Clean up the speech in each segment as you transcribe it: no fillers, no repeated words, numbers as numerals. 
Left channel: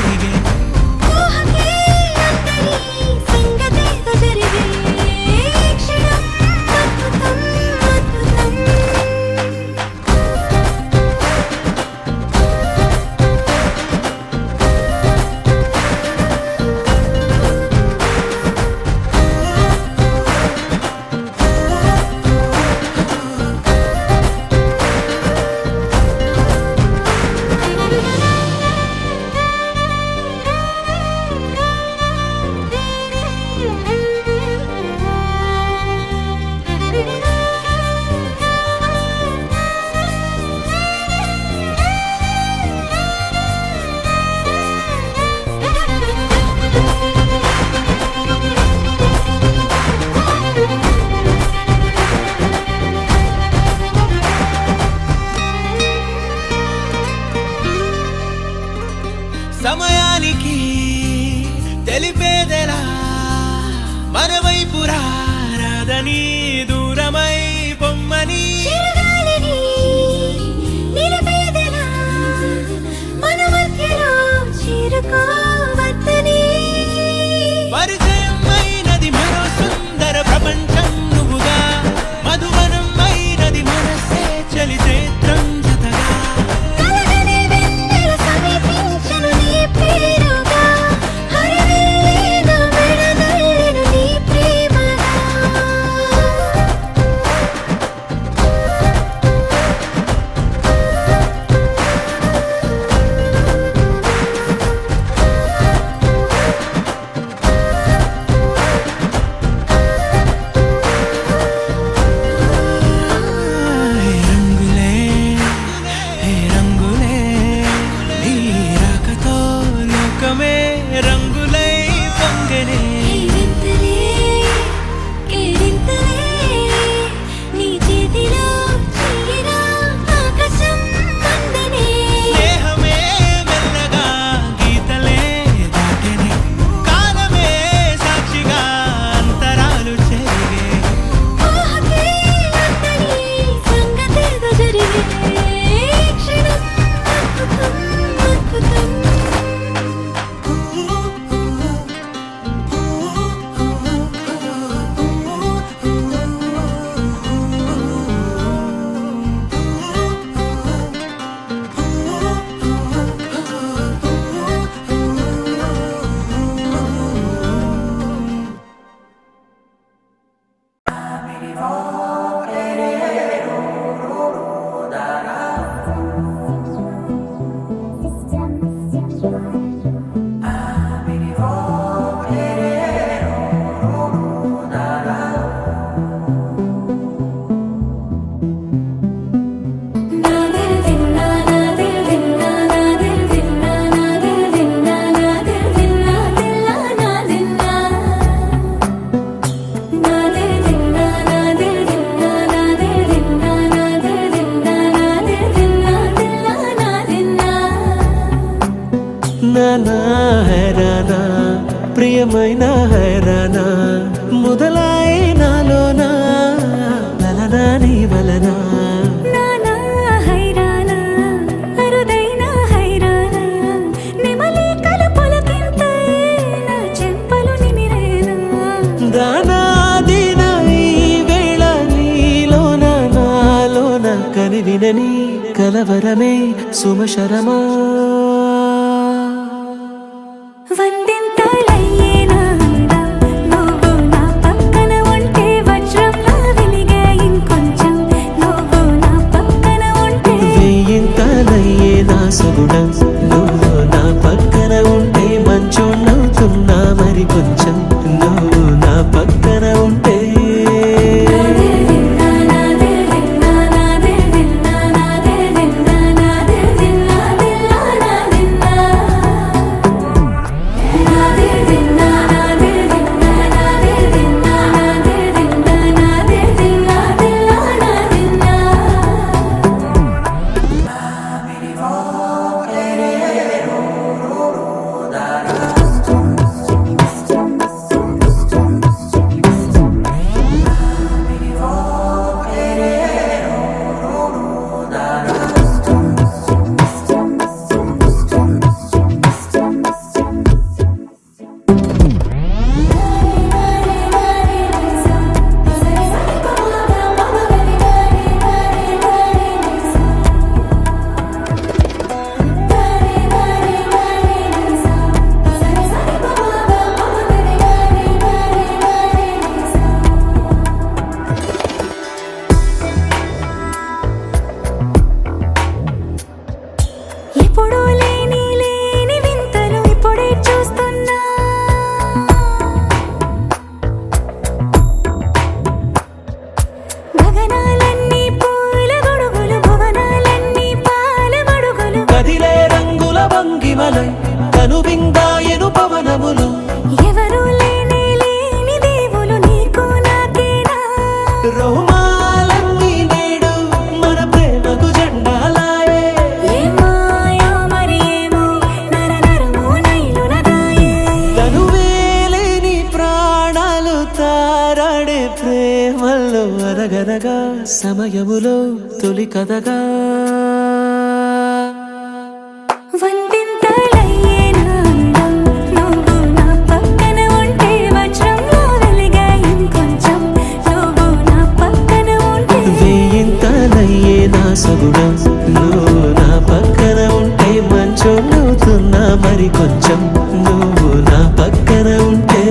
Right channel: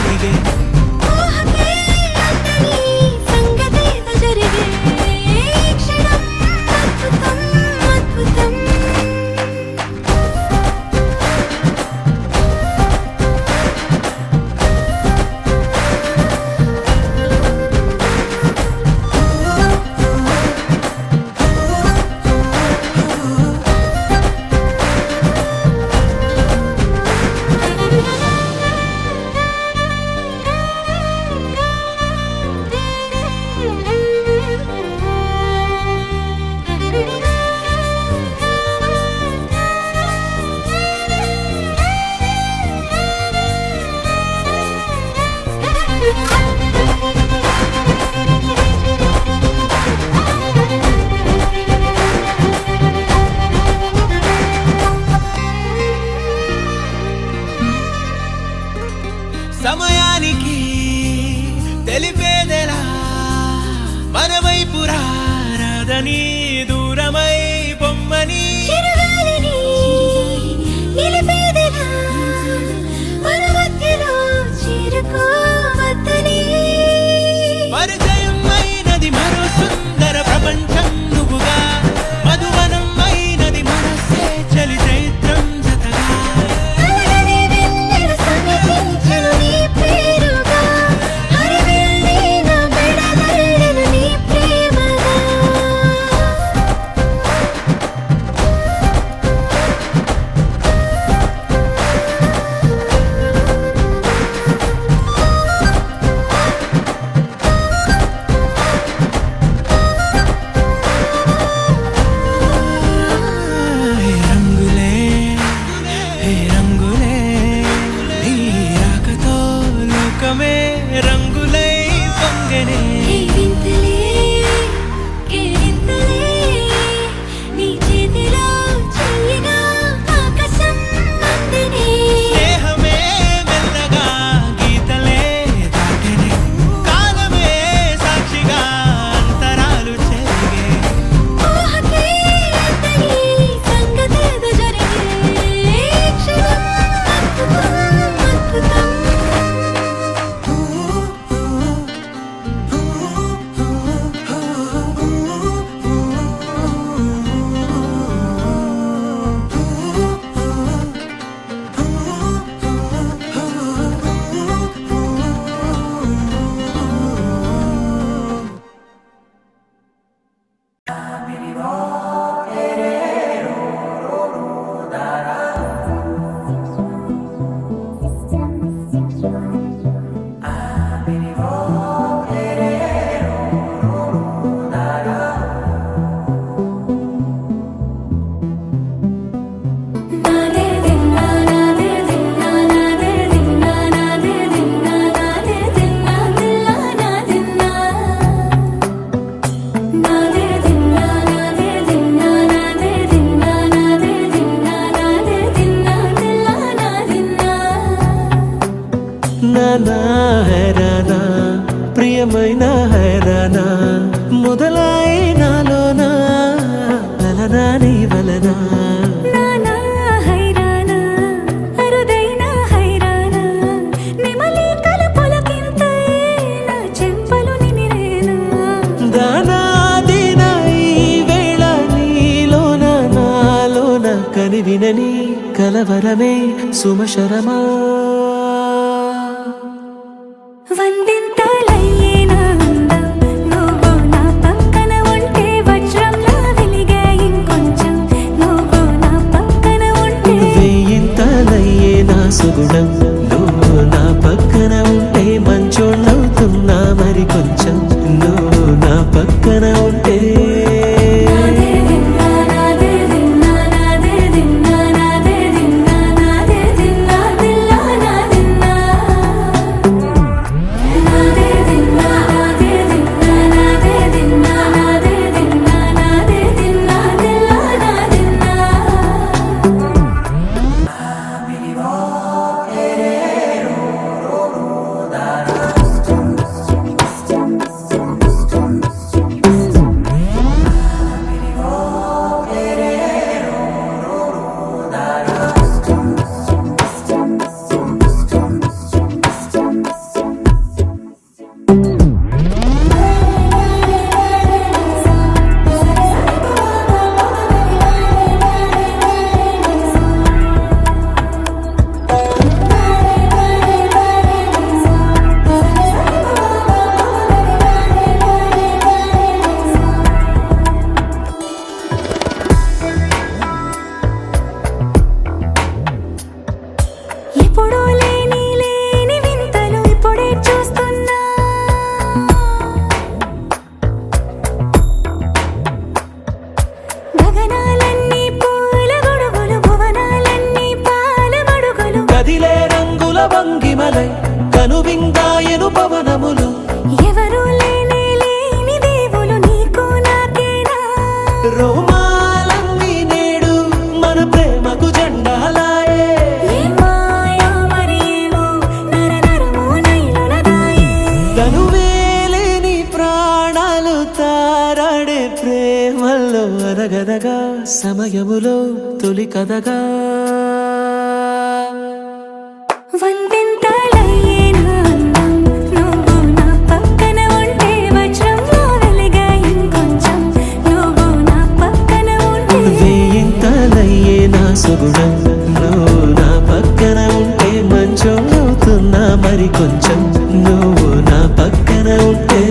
చెరిగే సమయానికి తెలిపేదెలా మన వైపు రాదని దూరమై పొమ్మని పరిచయం అయినది మరో సుందర ప్రపంచం నువ్వుగా మధువనం అయినది మనసే చలి చైత్రం జతగా రంగులై పొంగనే స్నేహమే మెల్లగా గీతలే దాటెనే కాలమే సాక్షిగా అంతరాలు చెరిగే నానా హైరానా ప్రియమైన హైరానా మొదలై నాలోనా లలనా నీ వలనా నానా హైరానా అరుదైన హైరానా నిమలి కలుపులకింతై నా చెంపలు నిమిరేనా దానా దినా ఈ వేళ నీలోన నాలోన కనివినని కలవరమే సుమశరమా వందింతలయ్యేనా అందం నువ్వు నా పక్కన ఉంటే వజ్రంలా వెలిగే ఇంకొంచెం నువ్వు నా పక్కన ఉంటే వెయ్యింతలయ్యే నా సుగుణం నువ్వు నా పక్కన ఉంటే మంచోళ్ళవుతున్నా మరి కొంచెం నువ్వు నా పక్కన ఉంటే ఆరాడే ప్రేమల్లో అనగనగా సమయములో తొలి కథగా వందింతలయ్యే నా అందం నువ్వు నా పక్కన ఉంటే వజ్రంలా వెలిగే ఇంకొంచెం నువ్వు నా పక్కన ఉంటే వేయింతలయ్యే నా సుగుణం నువ్వు నా పక్కన ఉంటే మంచోళ్ళవుతున్నా మరి కొంచెం నువ్వు నా పక్కన ఉంటే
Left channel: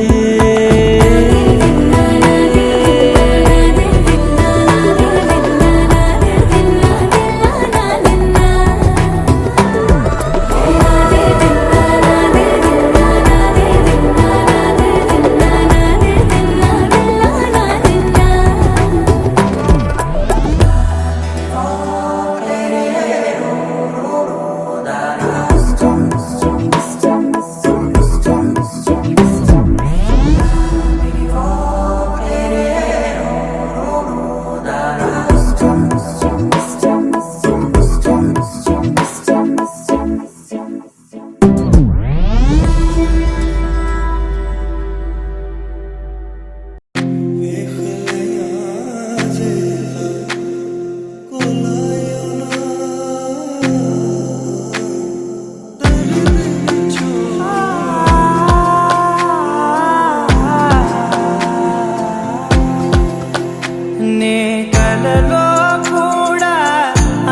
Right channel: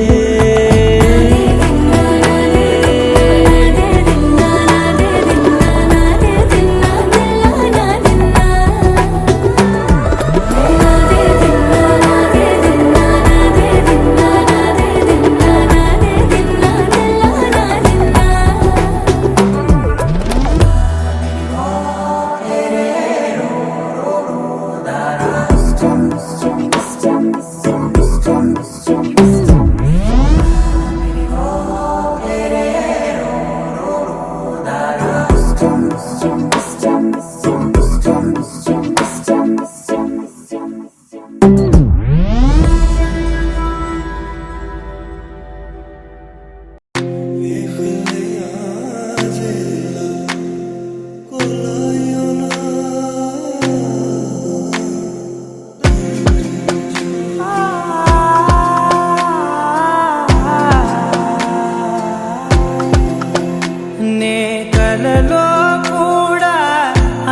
నే కలలో కూడా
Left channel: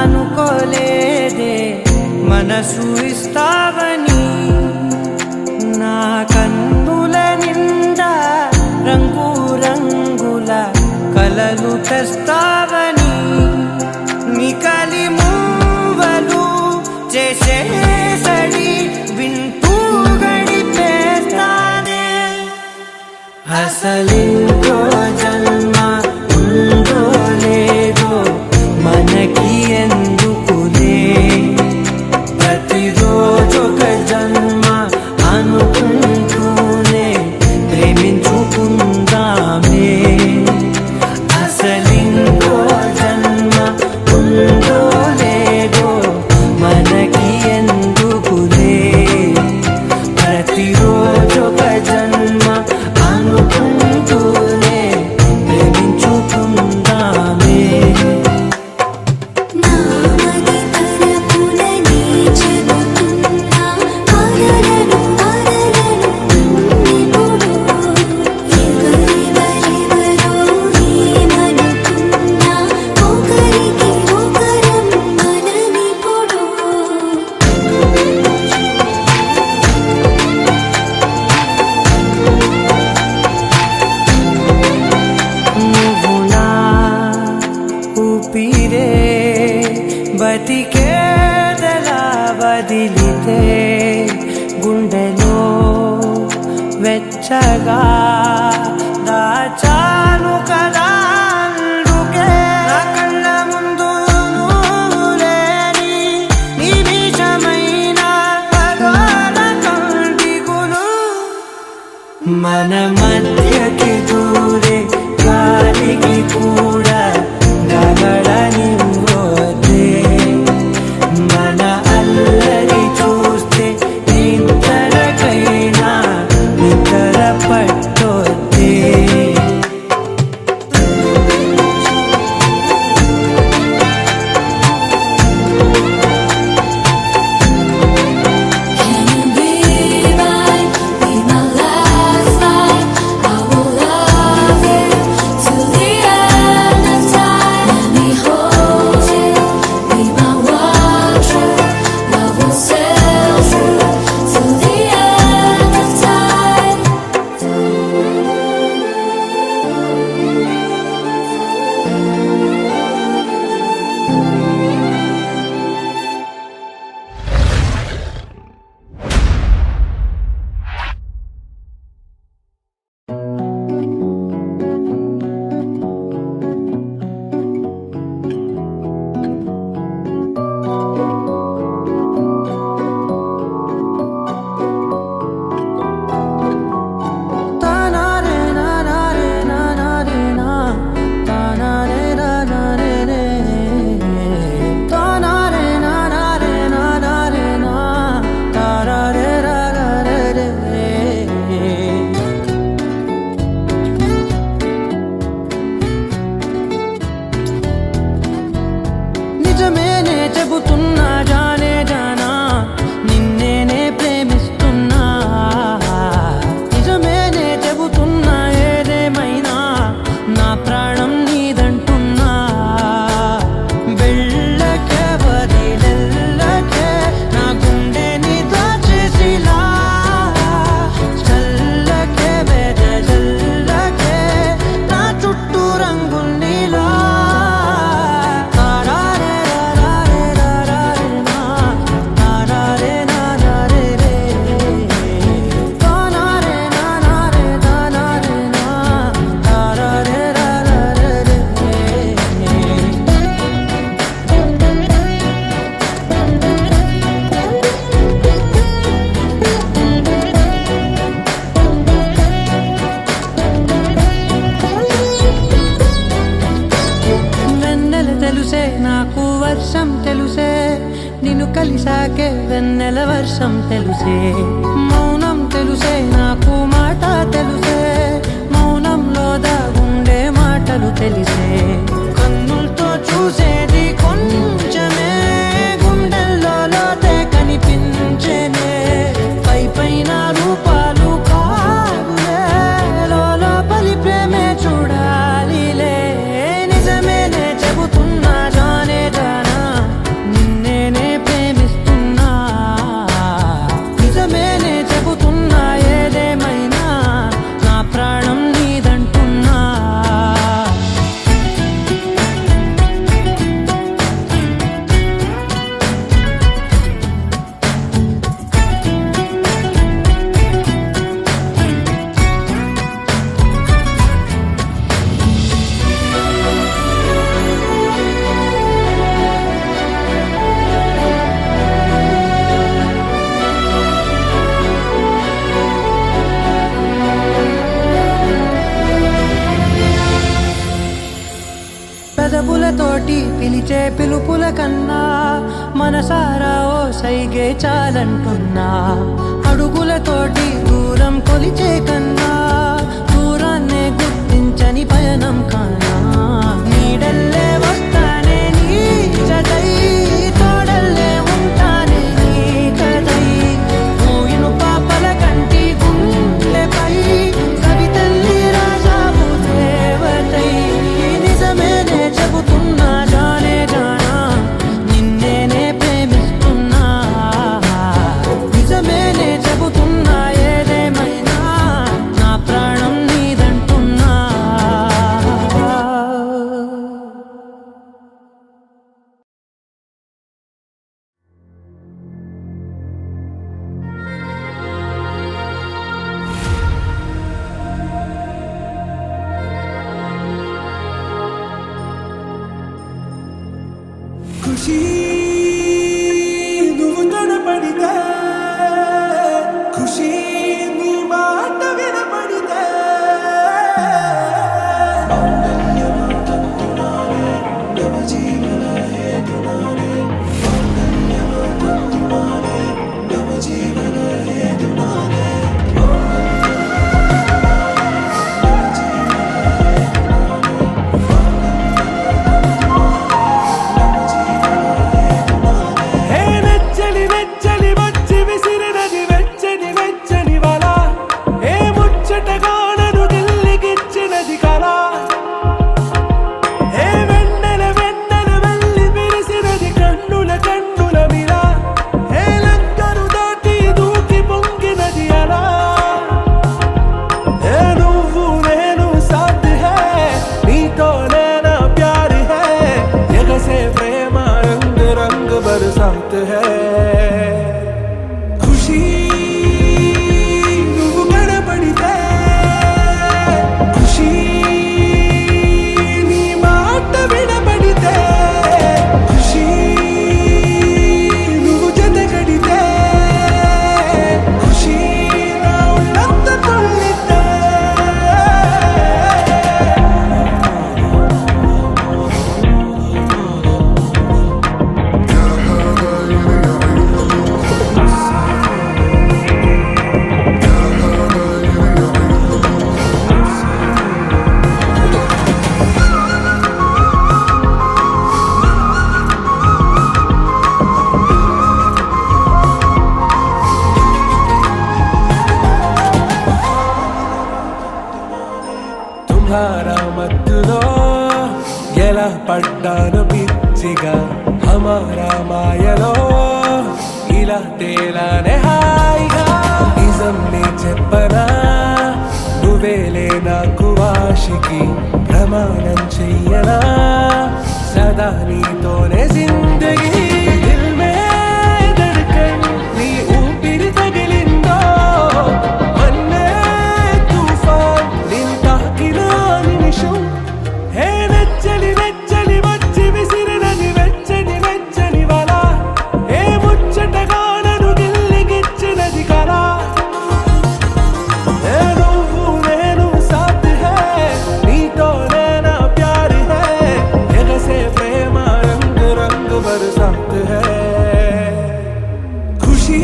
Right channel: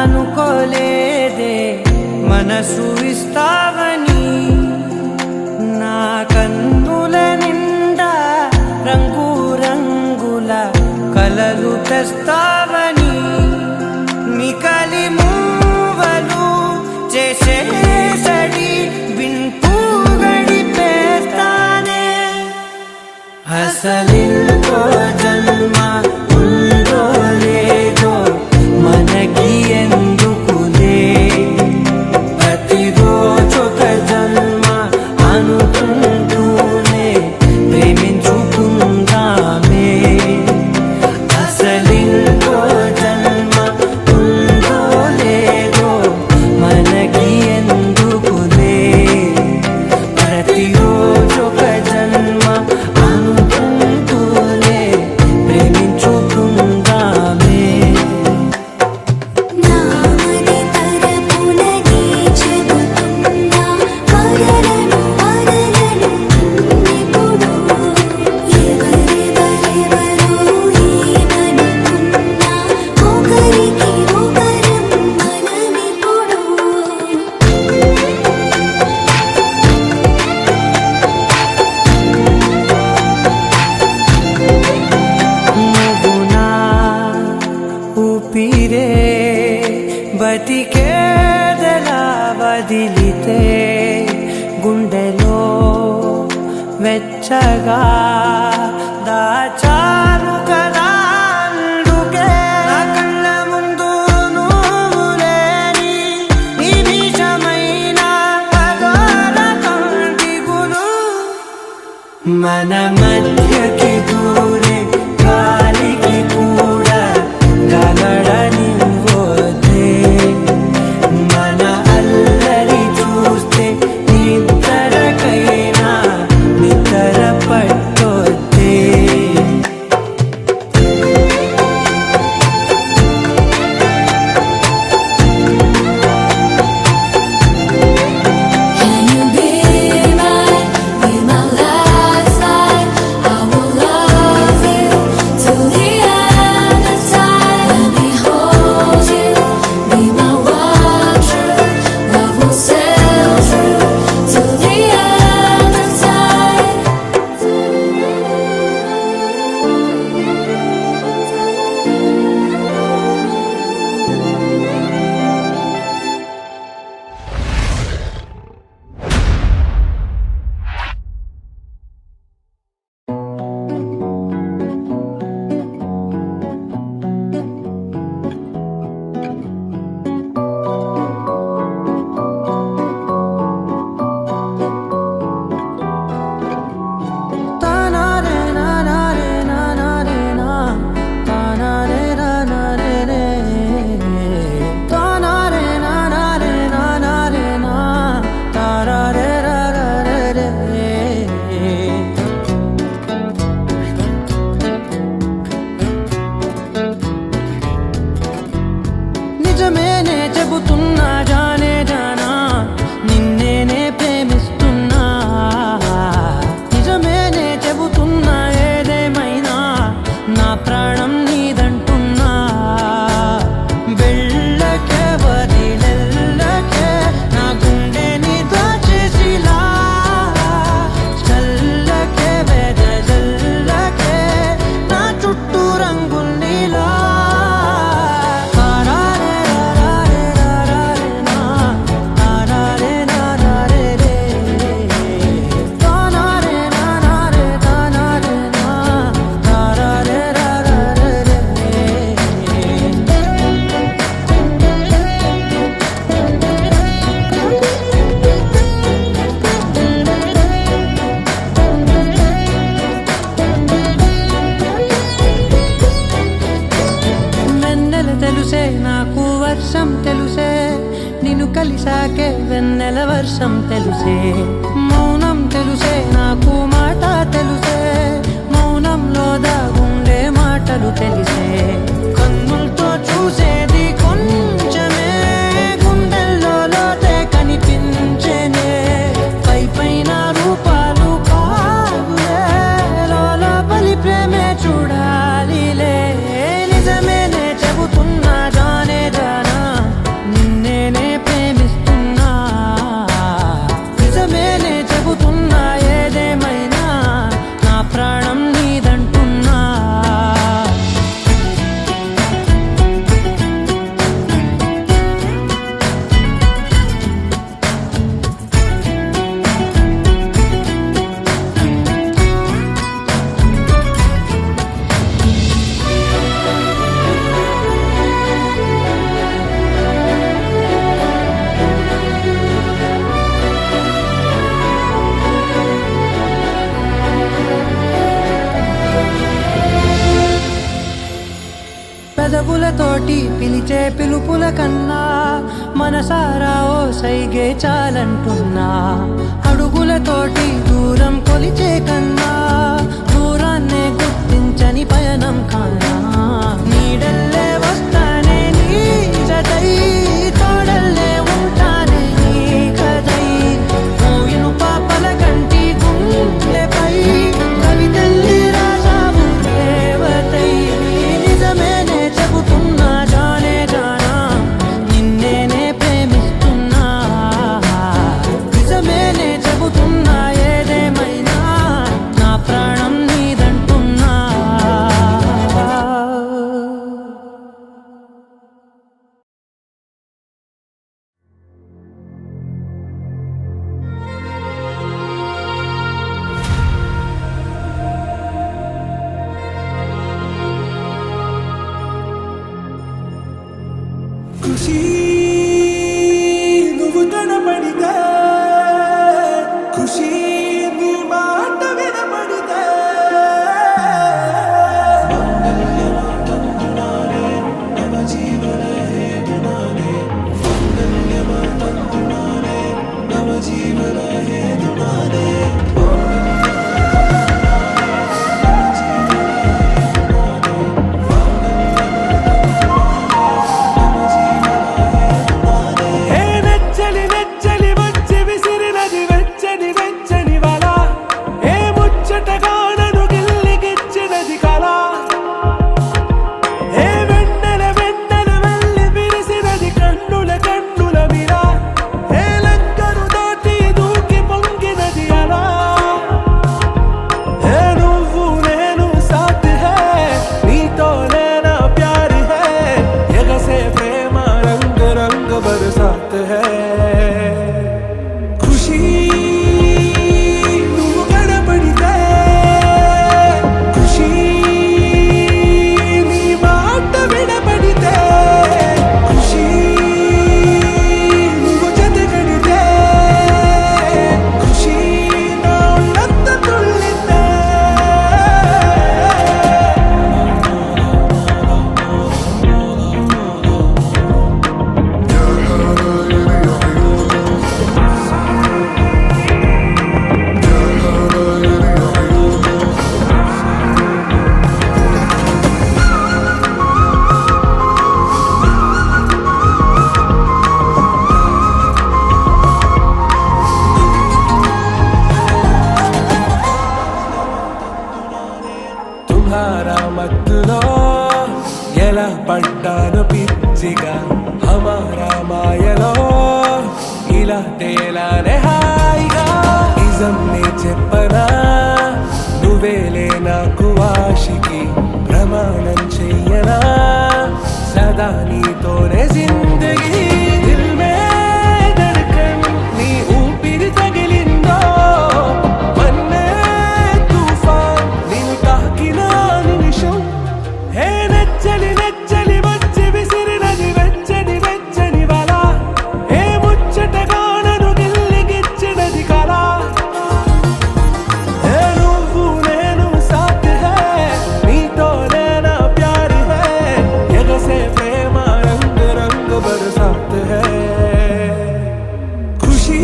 అనుకోలేదే మనసు ఇస్తావని నా కన్నుల నిండా రంగు రంగుల కలలు తెస్తావని నికలి మూవలు చేసేసడి వింటూ గడిపేస్తానే అసలింకో జన్మ ఉందో లేదో మనకి ఎందుకులే ప్రతిరోజొక జన్మ అనుకుంటూనే ప్రేమించుకుందామే అసలింకో జన్మ ఉందో లేదో మనకి ఎందుకులే ప్రతిరోజొక జన్మ అనుకుంటూనే ప్రేమించుకుందామే నువ్వు నా ఊపిరే బతికేదలా వదిలితే గుండెలో వెచ్చగా దాచాను కదా అందుకే నా కళ్ళ ముందు నువ్వు లేని నిమిషమైన అఘోర కంటిగులు మన మధ్యకి దూరే గాలికి కూడా గగడనివ్వొద్దే మన అల్లరి చూస్తే నిద్రకైనా నిద్ర పట్టొద్దే తెలుసే నాకు వర్షం తెలుసే నిన్ను కలిసాకే వెన్నెల వర్షం తెలుసే మౌనం తెలుసే నాకు మాట తెలుసే మౌనంలో దాగుండే మాటలు తెలిసే కన్నులతో చూసేది కొంచెమే గుండెల్లో లోతే కనిపించేనే పై పైన రూపాలు కావులే లోపలి ప్రేమే చూడాలిలే నిజమేనే చెబుతున్నా జానే జానా నిన్నేనే ప్రేమిస్తున్నా నిజమేనే చెబుతున్నా ఏదేమైనా నా ప్రాణం నీదంటున్నా పెదవులతోటి పిలిచే పిలుపుల కన్నా మనసారా ఓ సైగే చాలంటున్నా అడుగులతోటి దూరం కొలిచే కన్నా దూరాన్నే గుర్తించని పయనం కానా నీడల్లే వస్తానే నీ జతై తోడల్లే ఉంటానే నీ కదై మూయిను పాపల కంటి గుండెపై కవితల్లి రాజావు దేవతై నిజమేనే చెబుతున్నా జానే జానా నిన్నేనే ప్రేమిస్తున్నా నిజమేనే చెబుతున్నా ఏదేమైనా నా ప్రాణం నీదంటున్నా ఖుషి నువ్వు కనపడితే ఖుషి నీ మాట వినపడితే మంగళ్యమంతందునానే నవ జీవన హేతునానే మంగళ్యమంతందునానే నవ జీవన హేతునానే వెచ్చని వచ్చి విసిరినది వెచ్చని వెచ్చని వల ఏ ముచ్చటగా నన్ను గిల్లిగిచ్చినది కళ ఏ వెన్నెల వెన్నెల వెళ్ళి విరిసినది కన్నుల కన్నుల మిల ఏ లంకరు దాటి దూకి పొంగినది అలా ఏ నువ్వు నేను సాథ్ హే నీతోనే నా ప్యార్ హే ఎగసే ప్రేమ రంగ్ రంగ్ బరసాత్ హై ఖుషి నువ్వు కనపడితే ఖుషి నీ మాట వినపడితే ఖుషి నువ్వు జత కడితే ఖుషి నా ఒళ్ళంత తుళ్ళితే తుమ్హారా మత్తులో ఎలా పడ్డాను పిచ్చిగా హమారా మాయలో ఇలా తేలానే హాయిగా నిజం నే చెప్పనా నువ్వేలే నాకు ఆశికి ప్రమాణం చెయ్యనా సదా నీతోనే జిందగీ దిల్ మే ధడ్కన్ నీ ఊపిరి తగిలిందో మన్నే తుఫాన్ నేను తాకిన నిమిషం హే నెచ్చలి నెచ్చలి వచ్చి విసిరినది వెచ్చని వెచ్చని వల ఏ ముచ్చటగా నన్ను గిల్లిగిచ్చినది కళ ఏ నువ్వు నేను సాథ్ హై నీతోనే నా ప్యార్ హై ఎగసే ప్రేమ बरसात है खुशी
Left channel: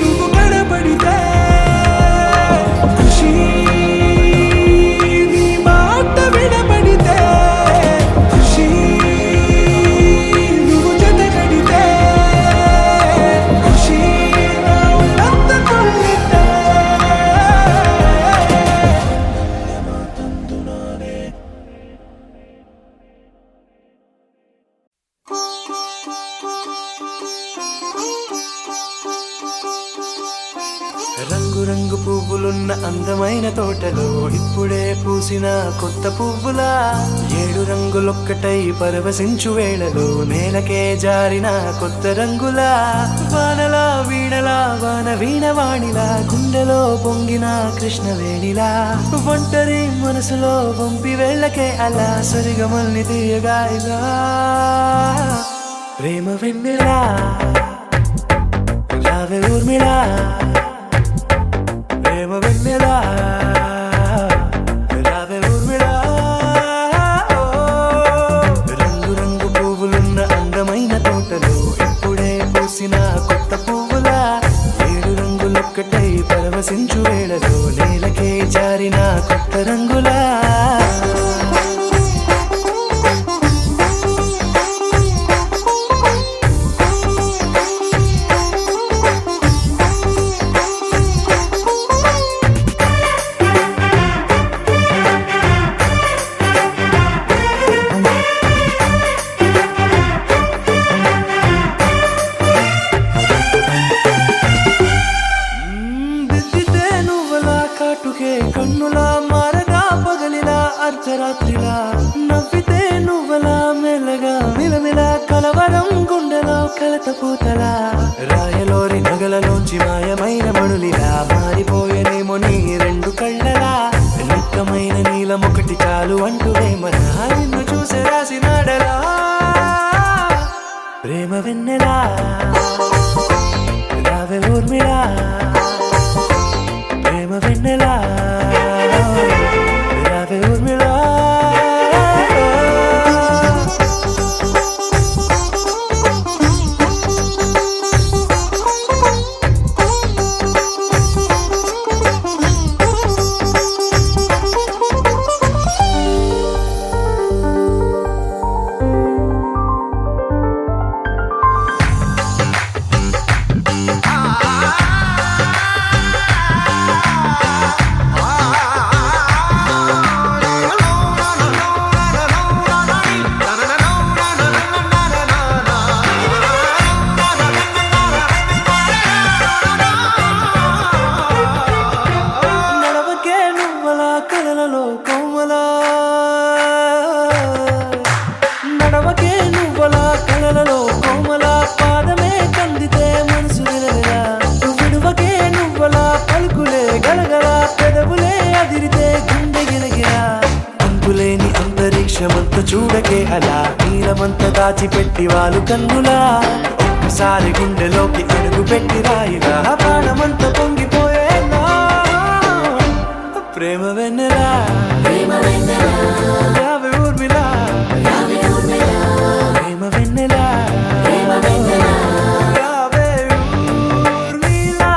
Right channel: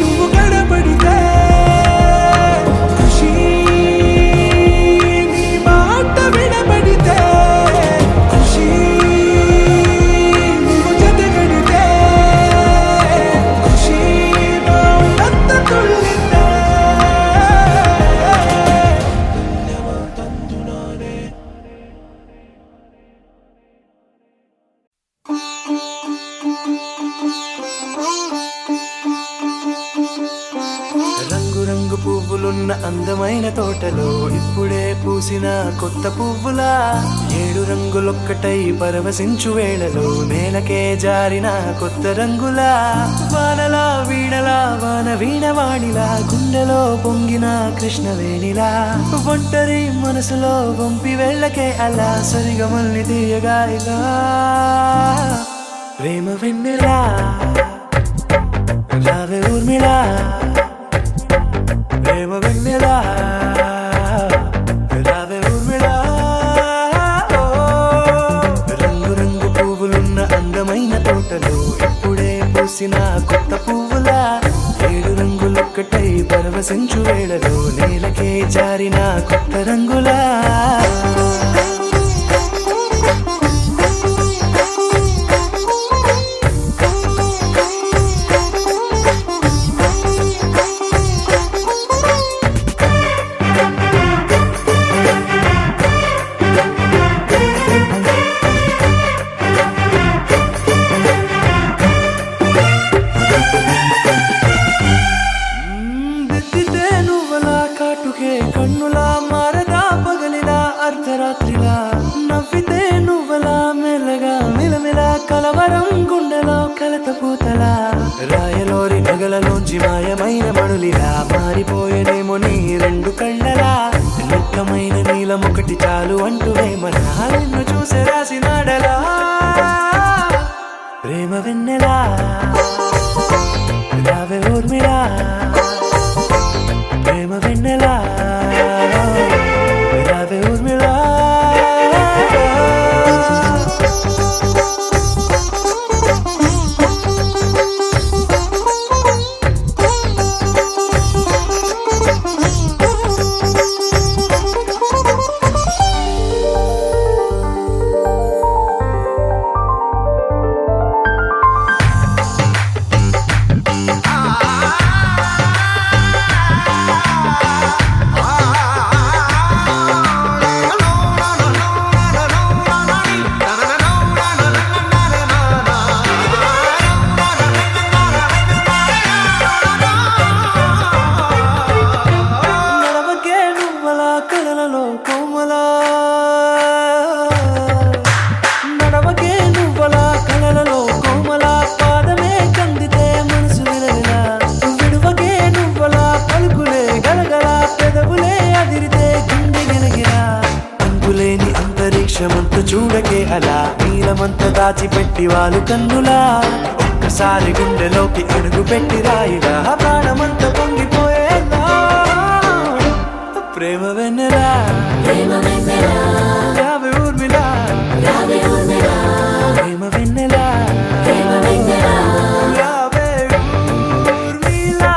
నువ్వు కనబడితే ఖుషి నీ మాట వినబడితే ఖుషి నువ్వు జతగడితే ఖుషి నా ఒళ్ళంతా తుళ్ళితే తందునానే రంగు రంగు పువ్వులున్న అందమైన తోటలో ఇప్పుడే పూసిన కొత్త పువ్వులా 7 రంగులొక్కటై పరవశించు వేళలో నేలకే జారిన కొత్త రంగులా వానలా వీణలా వాన వీణవాణిలా గుండెలో పొంగిన కృష్ణవేణిలా ఒంటరి మనసులో వంపి వెళ్ళకే అలా సరిగమల్ని తీయగా ఇలా ప్రేమ వెన్నెలా రావే ఊర్మిళా ప్రేమ వెన్నెలా రావే ఊర్మిళా రంగు రంగు పువ్వులున్న అందమైన తోటలో ఇప్పుడే పూసిన కొత్త పువ్వులా 7 రంగులొక్కటై పరవశించు వేళలో నేలకే జారిన కొత్త రంగులా దిద్దితే నువ్వలా కాటుకే కన్నులా మారదా పగలిలా అర్ధరాత్రిలా నవ్వితే నువ్వలా మెల్లగా మిలమిలా కలవరం గుండెలో కలత పూతలా రాయలోరి నగలలోంచి మాయమైన మణులిలా మారిపోయేనేమో నీ 2 కళ్ళలా నిక్కమైన నీలమొకటి చాలు అంటూ వేమనా నిన్ను చూసే రాసినాడలా ప్రేమ వెన్నెలా రావే ఊర్మిళా ప్రేమ వెన్నెలా రావే ఊర్మిళా కలలలో కోమలా నడవకే నువ్వలా కలలలో కోమలా పాదమే కందితే మనసు విలవిలా విడువకే నువ్వలా పలుకులే గలగల పెదవులే అదిరితే గుండె గిలగిలా అంతులేని అంతరిక్షమంతు చూడకే అలా నీలమంత దాచిపెట్టి వాళ్ళు కన్నులా ఒక్కసారి గుండెలోకి అడుగు పెట్టి రాయిలా ప్రాణమంత పొంగిపోయేలా ప్రేమ వెన్నెలా రావే ఊర్మిళా ప్రేమ వెన్నెలా రావే ఊర్మిళా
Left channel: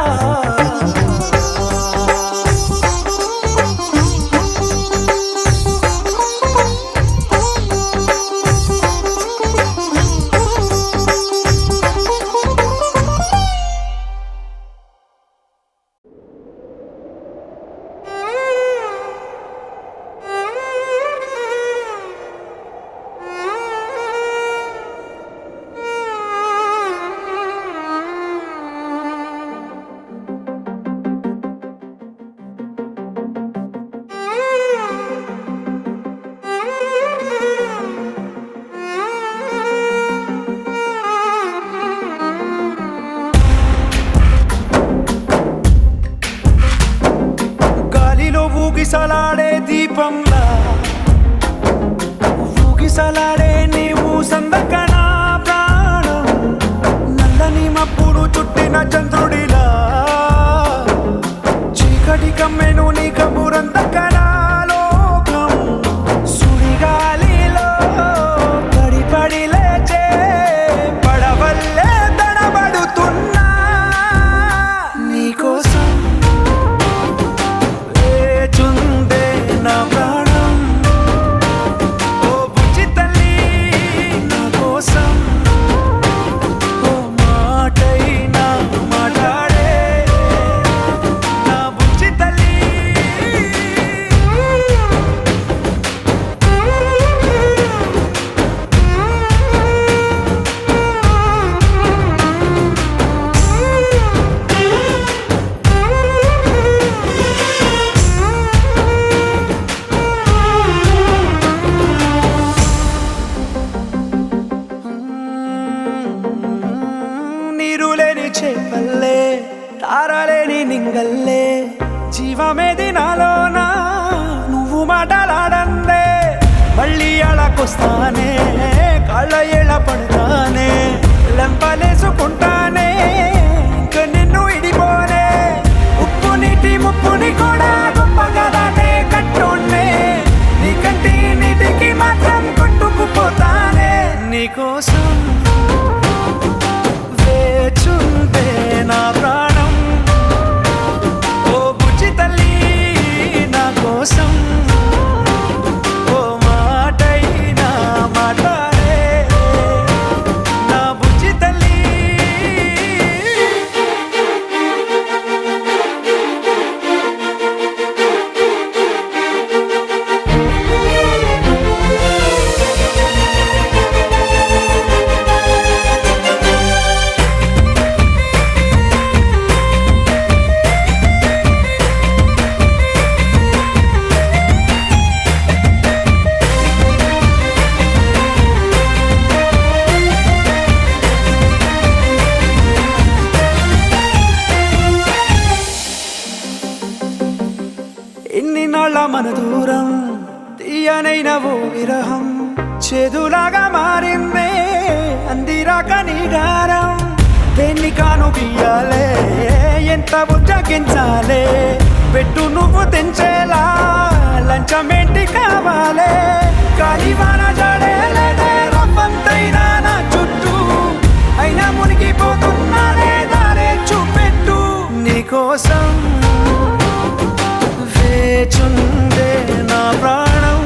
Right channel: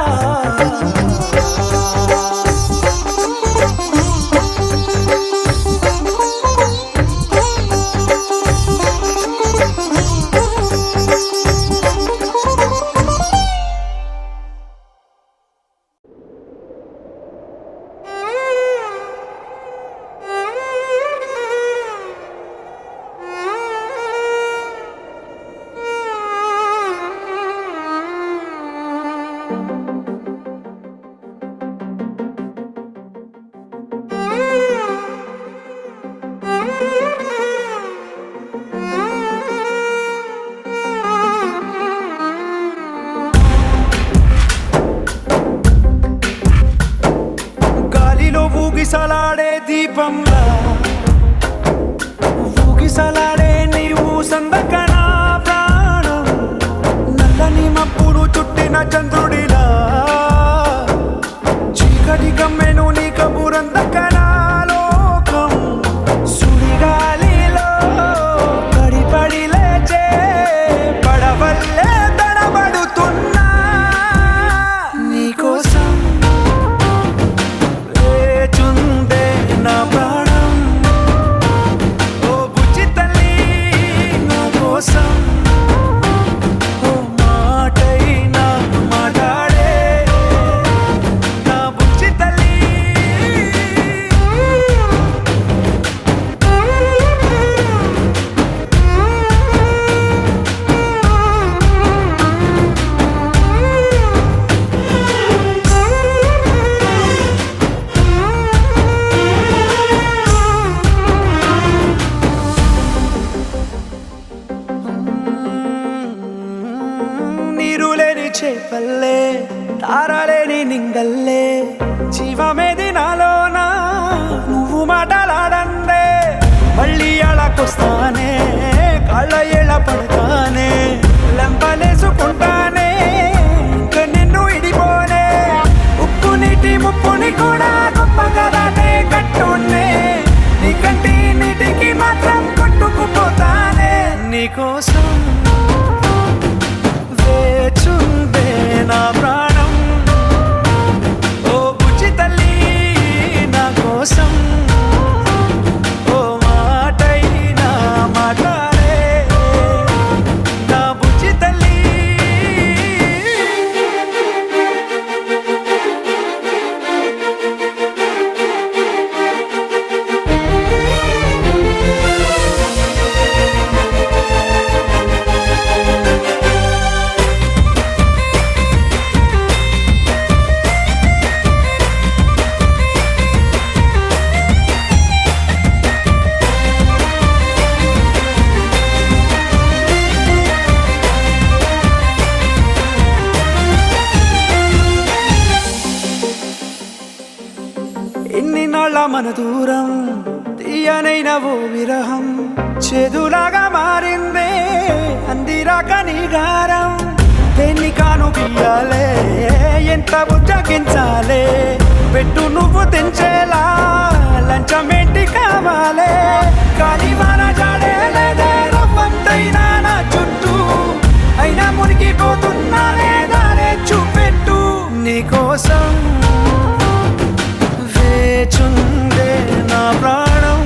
ఊగిసలాడే దీపంలా ఊగిసలాడే నీవు సందకన ప్రాణం నల్లని మబ్బును చుట్టిన చంద్రుడిలా చీకటి కమ్మెను నీ కబురందకన లోకం సుడిగాలిలో పడి పడి లేచ లేని నింగల్లే జీవమేది నాలోనా నువ్వు మాటలాడందే మళ్ళీ అళకొస్తానే కాళ్ళ ఏళ పడతానే లెంపలేసుకుంటానే ఇంక నిన్ను ఇడిపోనే ఉప్పు నీటి ముప్పుని కూడా గొప్పగా దాటే కట్టున్నే నీ కంటి నీటికి మాత్రం కొట్టుకుపోతానే నీకోసం వేచుందే నా ప్రాణం ఓ బుజ్జి తల్లి నా కోసం ఓ మాటైనా మాట్లాడే నా బుజ్జి తల్లి ఎన్ని నాళ్ళ మన దూరం తీయనైన ఓ విరహం చేదులాగా మారిందే అందిరాక నీ గారం దేన్ని కాను గీయాలే ఎంత బుజ్జగించాలే పెట్టు నువ్వు తెంచేలా లంచమేంటి కావాలే కాలివాన జాడేలేదే రవ్వంతైనా నా చుట్టూ అయినా మునిగిపోతున్నానే దారే చూపెట్టు నీకోసం వేచుందే నా ప్రాణం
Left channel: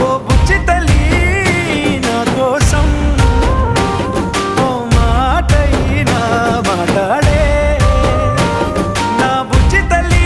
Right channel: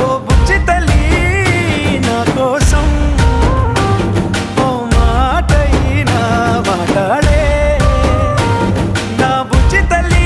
ఓ బుజ్జి తల్లి నా కోసం ఓ మాటైనా మాట్లాడే నా బుజ్జి తల్లి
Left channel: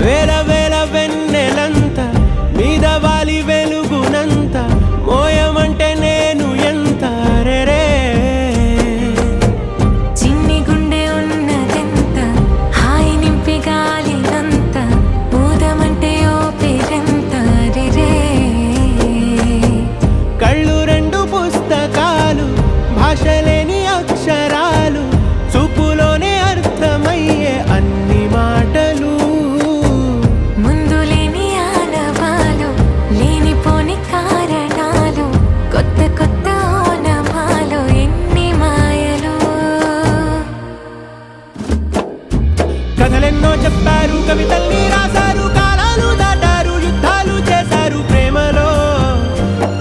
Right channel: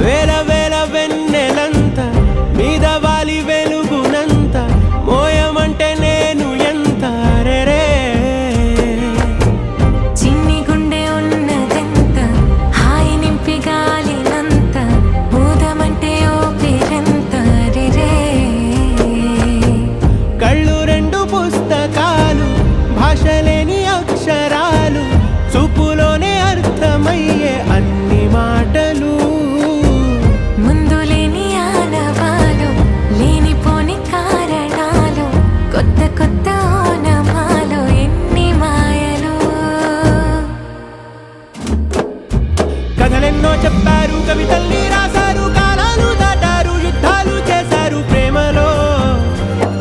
వేల వేల వెన్నెలంత మీద వాలి వెలుగునంత మోయమంటే నేను ఎంత రే చిన్ని గుండె ఉన్నదెంత హాయి నింపి గాలినంత ఊదమంటే ఓ పేరెంత రే కళ్ళు రెండు పుస్తకాలు భాషలేని అక్షరాలు చూపులోనే అర్థమయ్యే అన్ని మాటలు ముందు లేని ఆనవాలు లేనిపోని కారణాలు కొత్త కొత్త ఓనమాలు ఎన్ని మాయలు కథలెన్నో చెప్పారు కవితల్ని రాశారు కాలాలు దాటారు యుద్ధాలు చేశారు ప్రేమలో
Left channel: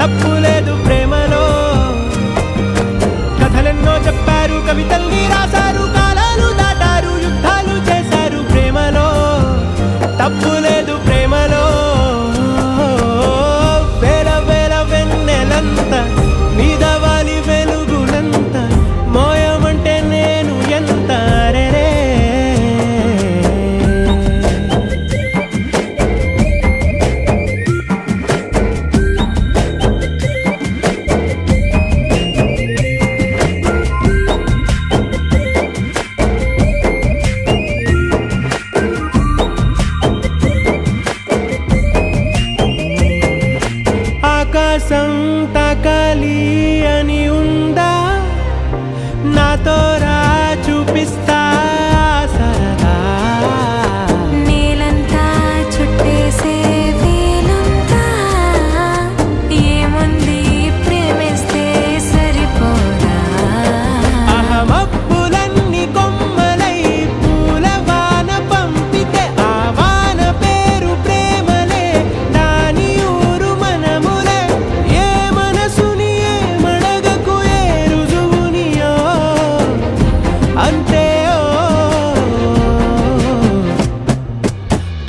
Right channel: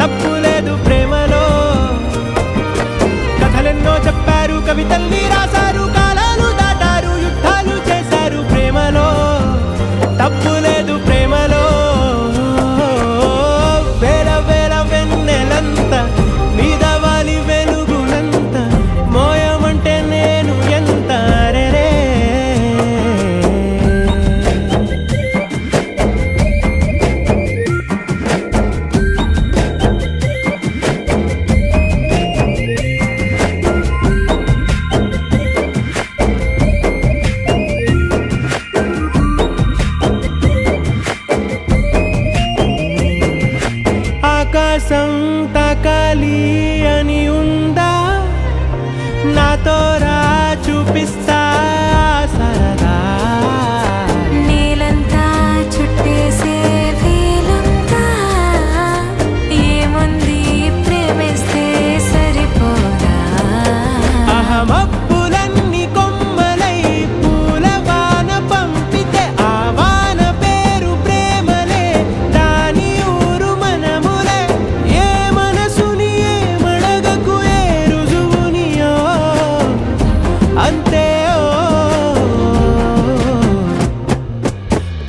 తప్పు లేదు ప్రేమలో కథలెన్నో చెప్పారు కవితల్ని రాశారు కాలాలు దాటారు యుద్ధాలు చేశారు ప్రేమలో తప్పు లేదు ప్రేమలో వేల వేల వెన్నెలంత మీద వాలి వెలుగునంత మోయమంటే నేను ఎంత రే ఆకాశం తాకాలి అని ఉందా నాతో రా చూపిస్తా సరదా నేలంతా చుట్టేసే వీలుందా ఏముంది ప్రేమిస్తే సరిపోదా అహమప్పులన్నీ కొమ్మలై పూల వాన పంపితే ఆ వాన పేరు ప్రేమలే దాని ఊరు మనములే ఏ మనసుని అంతే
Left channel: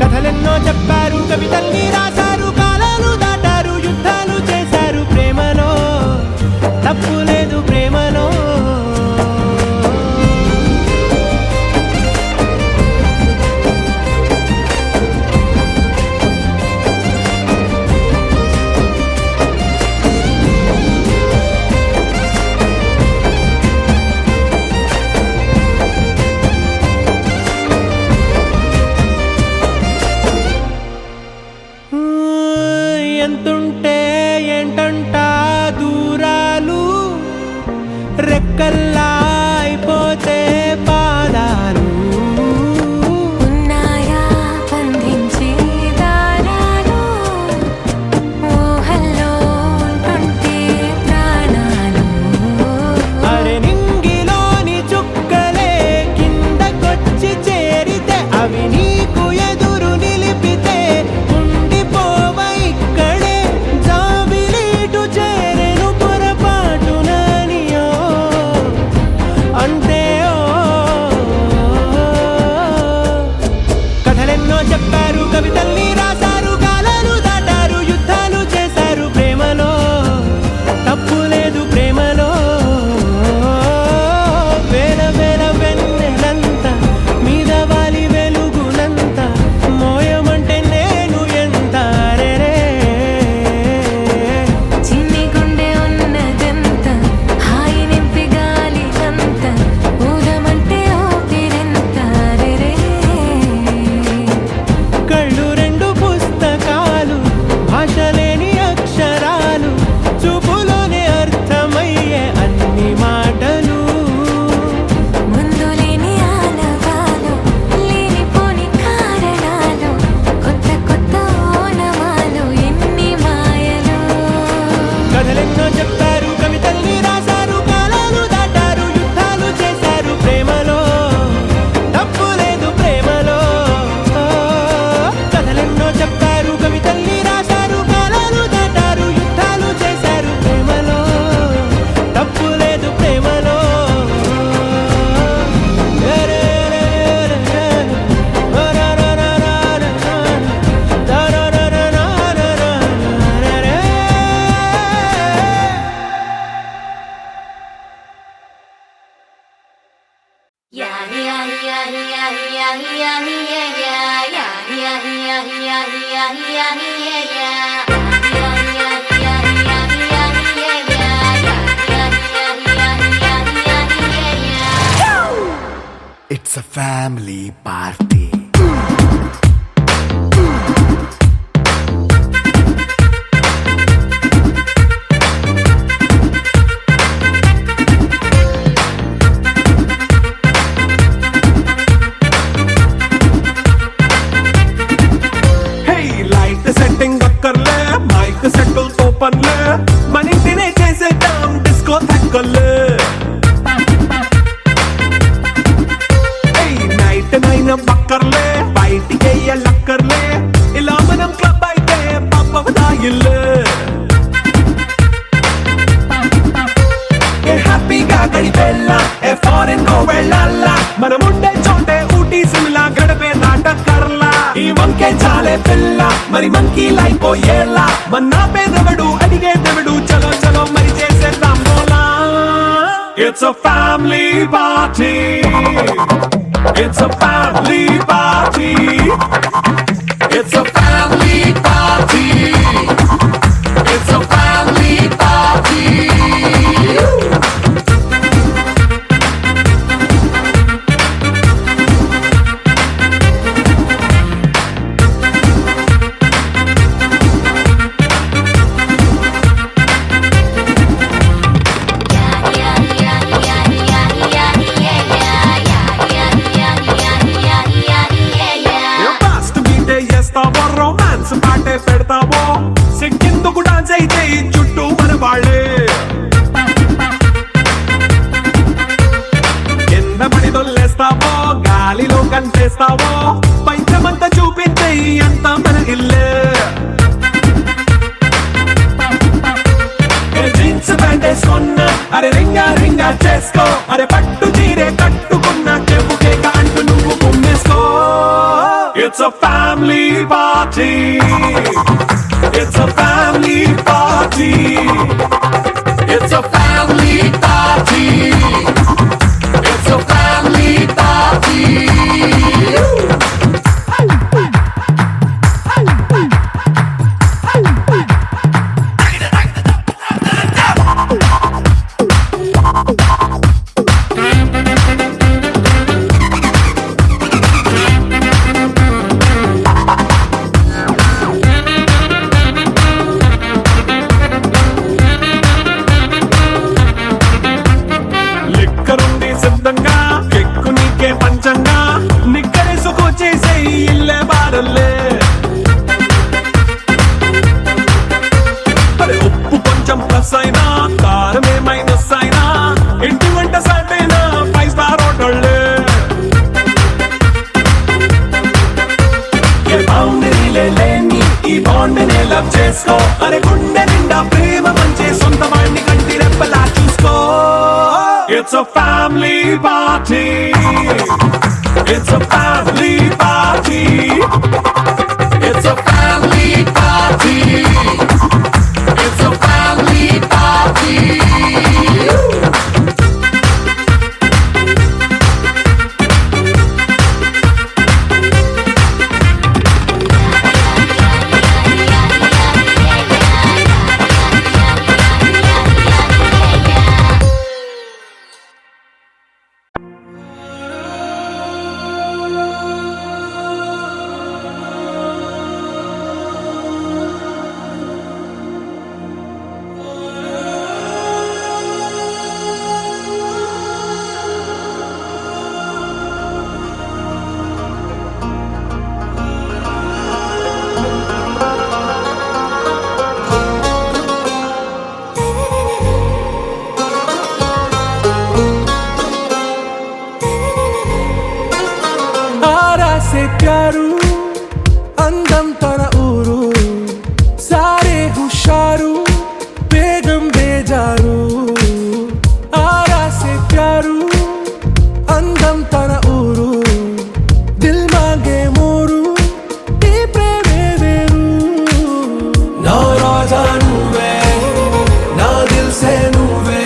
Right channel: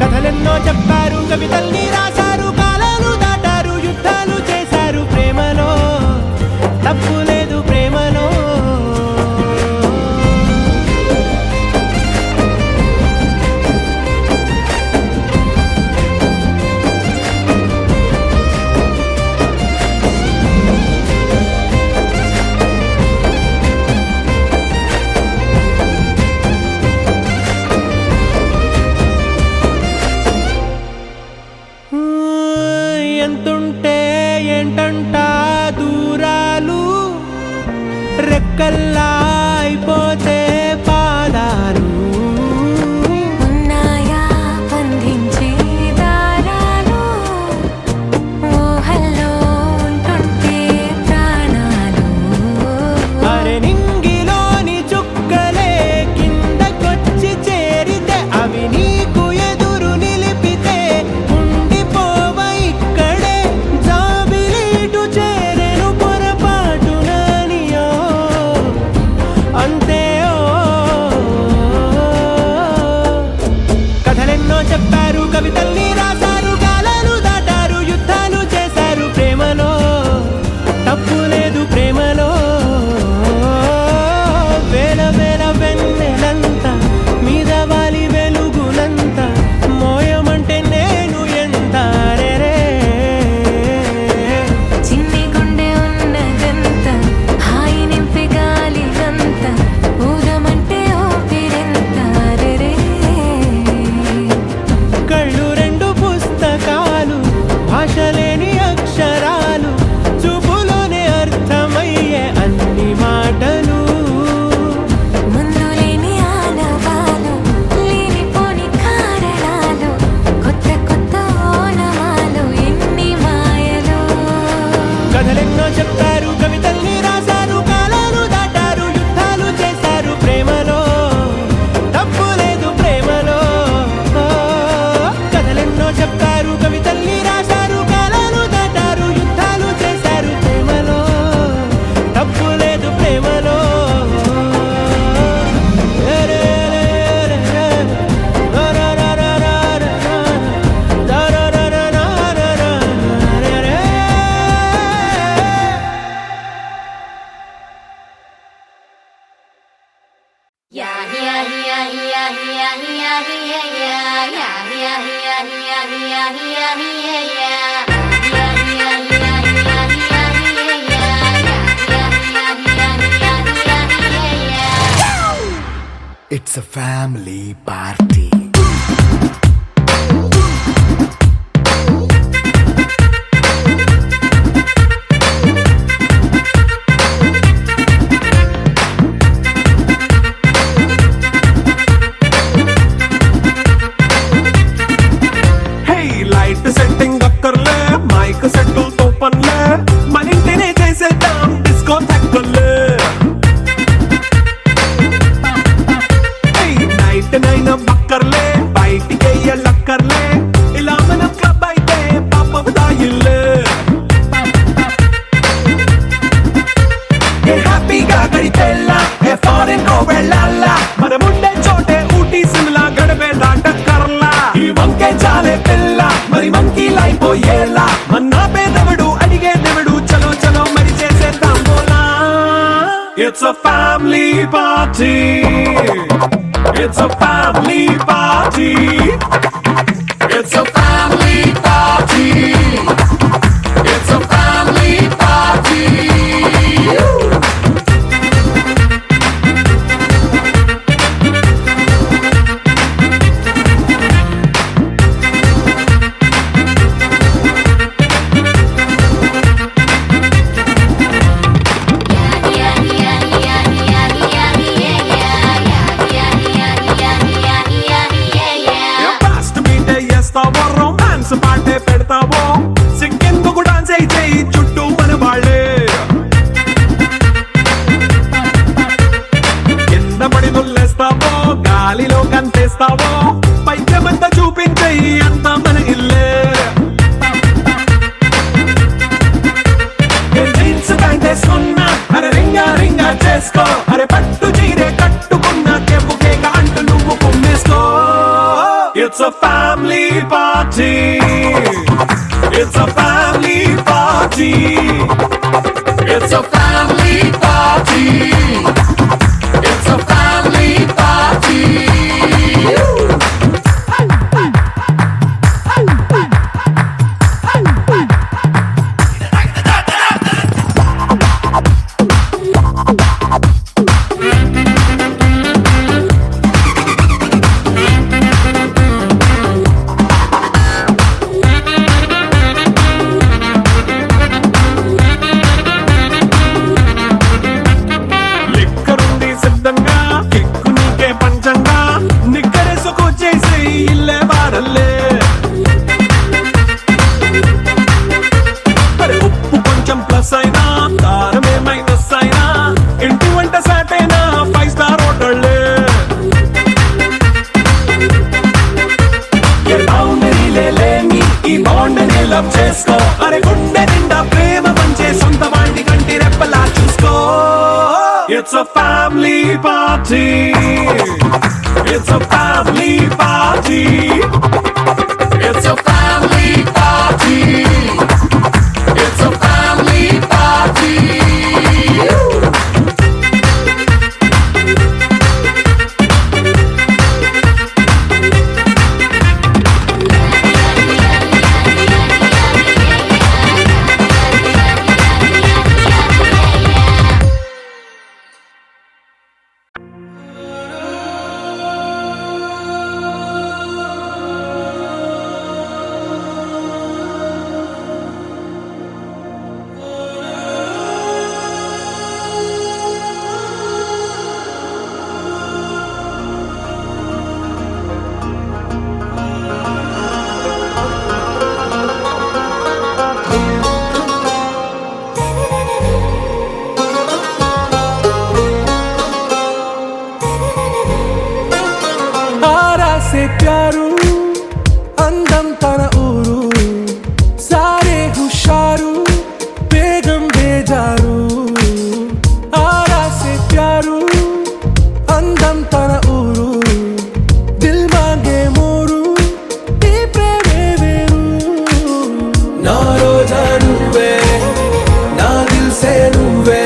కథలెన్నో చెప్పారు, కవితల్ని రాశారు, కాలాలు దాటారు, యుద్ధాలు చేశారు ప్రేమలో, తప్పు లేదు ప్రేమలో. ఎంతుంటే ఏంటంట దూరాలు, రెక్కల్లా అయిపోతే పాదాలు, ఉన్నాయా బంధించే దారాలు, ఊహల్లో ఉంటుంటే ప్రాణాలు. అరే నింగిలోని చుక్కలే కిందకొచ్చి చేరితే, అవి నీకు ఎదురు నిలిపితే ఉండిపోవ ఇక్కడే, జాబిలీటు చేరెను పొరపాటుననియో అంతే. కథలెన్నో చెప్పారు, కవితల్ని రాశారు, కాలాలు దాటారు, యుద్ధాలు చేశారు ప్రేమలో, తప్పు లేదు ప్రేమలో. వేల వేల వెన్నెలంత మీద వాలి వెలుగునంత, మోయమంటే నేను ఎంత రే. చిన్ని గుండె ఉన్నదంత, హాయి నింపి గాలినంత, ఊదమంటే ఊపిరెంత రే. కళ్ళు రెండు పుస్తకాలు, భాష లేని అక్షరాలు, చూపులోనే అర్థమయ్యే అన్ని మాటలు. ముందు లేని ఆనవాలు, లేనిపోని కారణాలు, కొత్త కొత్త ఓనమాలు, ఎన్ని మాయలు. కథలెన్నో చెప్పారు, కవితల్ని రాశారు, కాలాలు దాటారు, యుద్ధాలు చేశారు ప్రేమలో, తప్పు లేదు ప్రేమలో. కథలెన్నో చెప్పారు, కవితల్ని రాశారు, కాలాలు దాటారు, యుద్ధాలు చేశారు ప్రేమలో, తప్పు లేదు ప్రేమలో. It's a family party. Hey, light setting అక్కర్లే, మైక్ సెట్టుల్ తో పనులే, మన ఇంటినే చేసేద్దాం డిస్కో థక్కర్లే. నైట్ నైన్ బక్కర్లే, బయటికి లక్కర్లే, ఇలా మనం క్లబ్ అయితే పాపదాయిల్లే. హ్యాపీగా గడిపెళ్ళ, ఫారెన్ వెళ్ళాలా, మనముండే చోటే ఊటీ సిమ్లా గడిపే దాటక్కర్లా. ఈ వంకే చాలే పిల్ల, మరి మంకీ లైఫ్ ఏళ్ళ, మన్నా పేదవడు అడిగేదెవడు, చలో చలో మరి చేసేద్దాం బోలా. It's a family party. It's a family party. It's a family party. It's a family party. పాటే పెడతావో, సిగ్గెందుకు డాన్స్ అయితే చుట్టూ మన వాళ్ళే. కింద పడి దొల్లేస్తావో, గాలిలో కంతేస్తావో, పైచమంతా చూపించే అంతా మన ఇల్లే. జీన్స్ ప్యాంట్ వేసుకున్నా, అరే రింగా రింగా చేసుకో, అరే పట్టు చీరే కట్టుకు party. It's a family party. It's a family party. It's a family party. లిక్కరుంది సిద్ధంగా కెక్కు నీకే పంచంగా నిక్కరేసుకు చేసే ఇల్లే బారల్లే అరే ఉప్పు కొంచెం ప్లస్ అయినా కారమే మైనస్ అయినా ఇంటి వంట సాటైనా 5 స్టార్ హోటళ్ళే ఏ బౌండరీలే లేని ఈ బాండ్ని లవ్ చేసుకో అరే గుండె నిండా ప్రేమ పంచే సొంత వాణ్ణి కంటి రెప్పలా చూసుకో. It's a family party. It's a family party. It's a family party. It's a family party. आरा से प्यारू अंदम तन ऊरू सारे हुशारू बेगम बेजारू आरा से प्यारू अंदम तन ऊरू दिल मांगे मोरू ఈ ప్రేమే వేరు నా రోజా నువ్వే నా దిల్ సే నువ్వే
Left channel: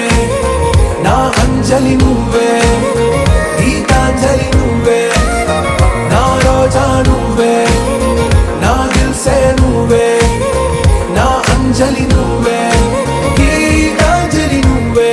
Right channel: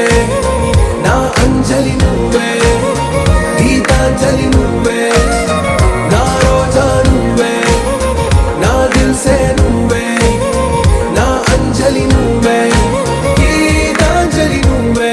నా అంజలి నువ్వే గీతాంజలి నువ్వే నా రోజా నువ్వే నా దిల్ సే నువ్వే నా అంజలి నువ్వే గీతాంజలి నువ్వే.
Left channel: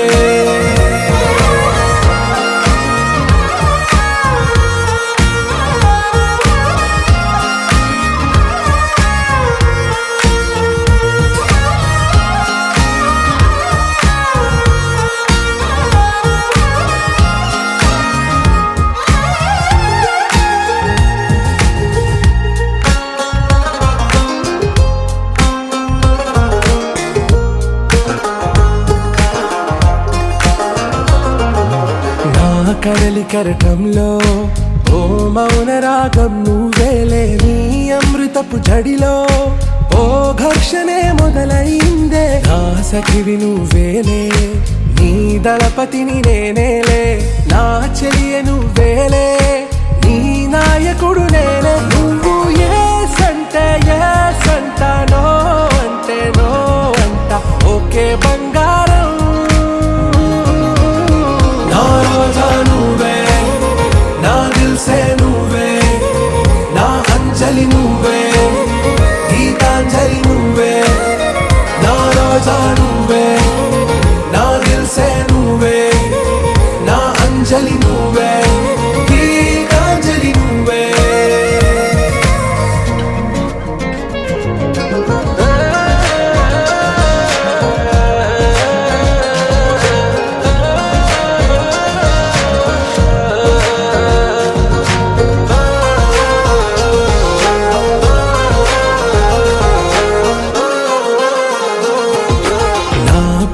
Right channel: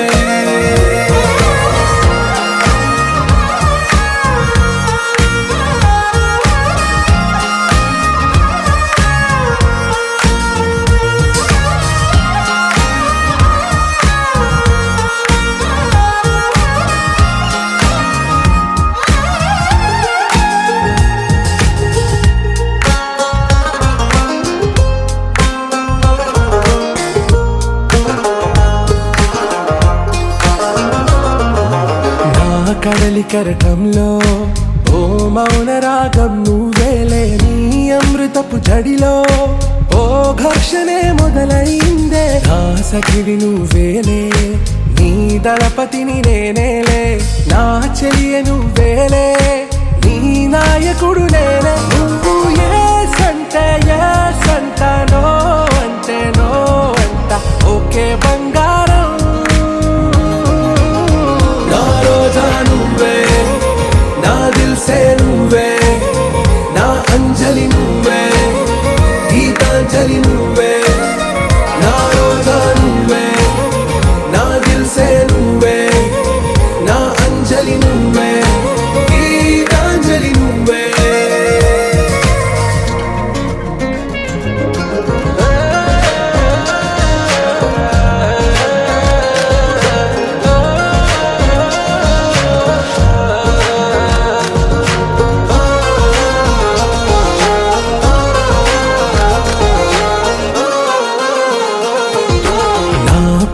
నా కడలి కరటంలో ఓ మౌన రాగం నువ్వేలే నీ అమృతపు జడిలో ఓ ఘర్షణే మొదలైందే నా సఖివి నువ్వేలే నీ దళపతిని నేనేలే నా చెలియ నువ్వేలే నీ నాయకుడు నేనే నువ్వు ఏ సంట నో అంటే నో అంట ఓకే బంగారం నా రోజా నువ్వే నా దిల్ సే నువ్వే నా అంజలి నువ్వే గీతాంజలి నువ్వే నా రోజా నువ్వే నా దిల్ సే నువ్వే నా అంజలి నువ్వే గీతాంజలి నువ్వే.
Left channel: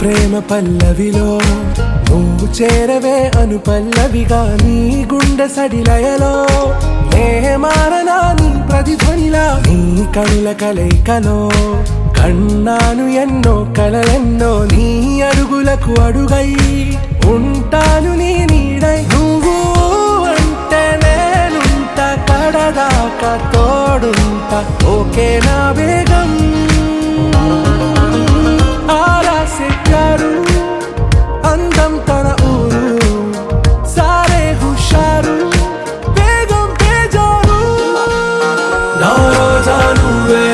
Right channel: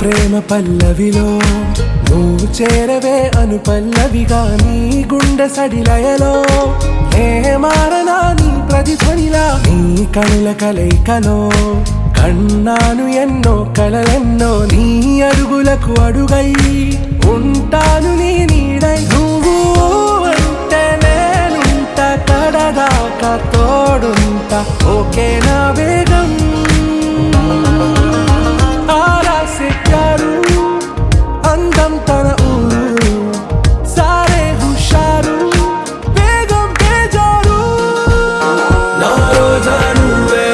ప్రేమ పల్లవిలో నువ్వు చేరవే అను పల్లవిగా నీ గుండె సడిలయలో నే మారనా నీ ప్రతిధ్వనిలా నీ కనుల కలయికలో కన్నాను ఎన్నో కలలెన్నో నీ అడుగులకు అడుగై ఉంటాను నీ నీడై నువ్వు అంటే నేనుంట కడ చచ్చేదాకా తోడుంటా ఓకే నా బేగం ఆరాసే ప్యారు అందం తన ఊరు సారే హుషారు బేగం బేజారు నా రోజా నువ్వే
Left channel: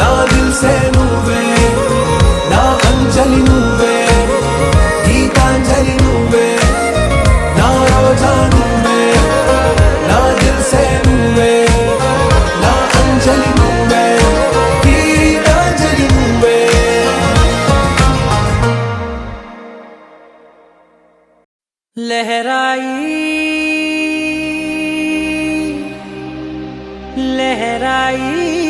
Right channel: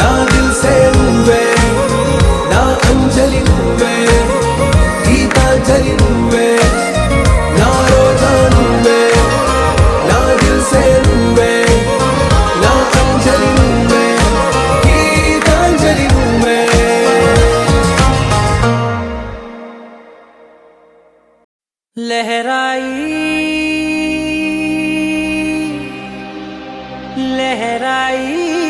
నా దిల్ సే నువ్వే నా అంజలి నువ్వే గీతాంజలి నువ్వే నా రోజా నువ్వే నా దిల్ సే నువ్వే నా అంజలి నువ్వే గీతాంజలి నువ్వే लहराई लहराई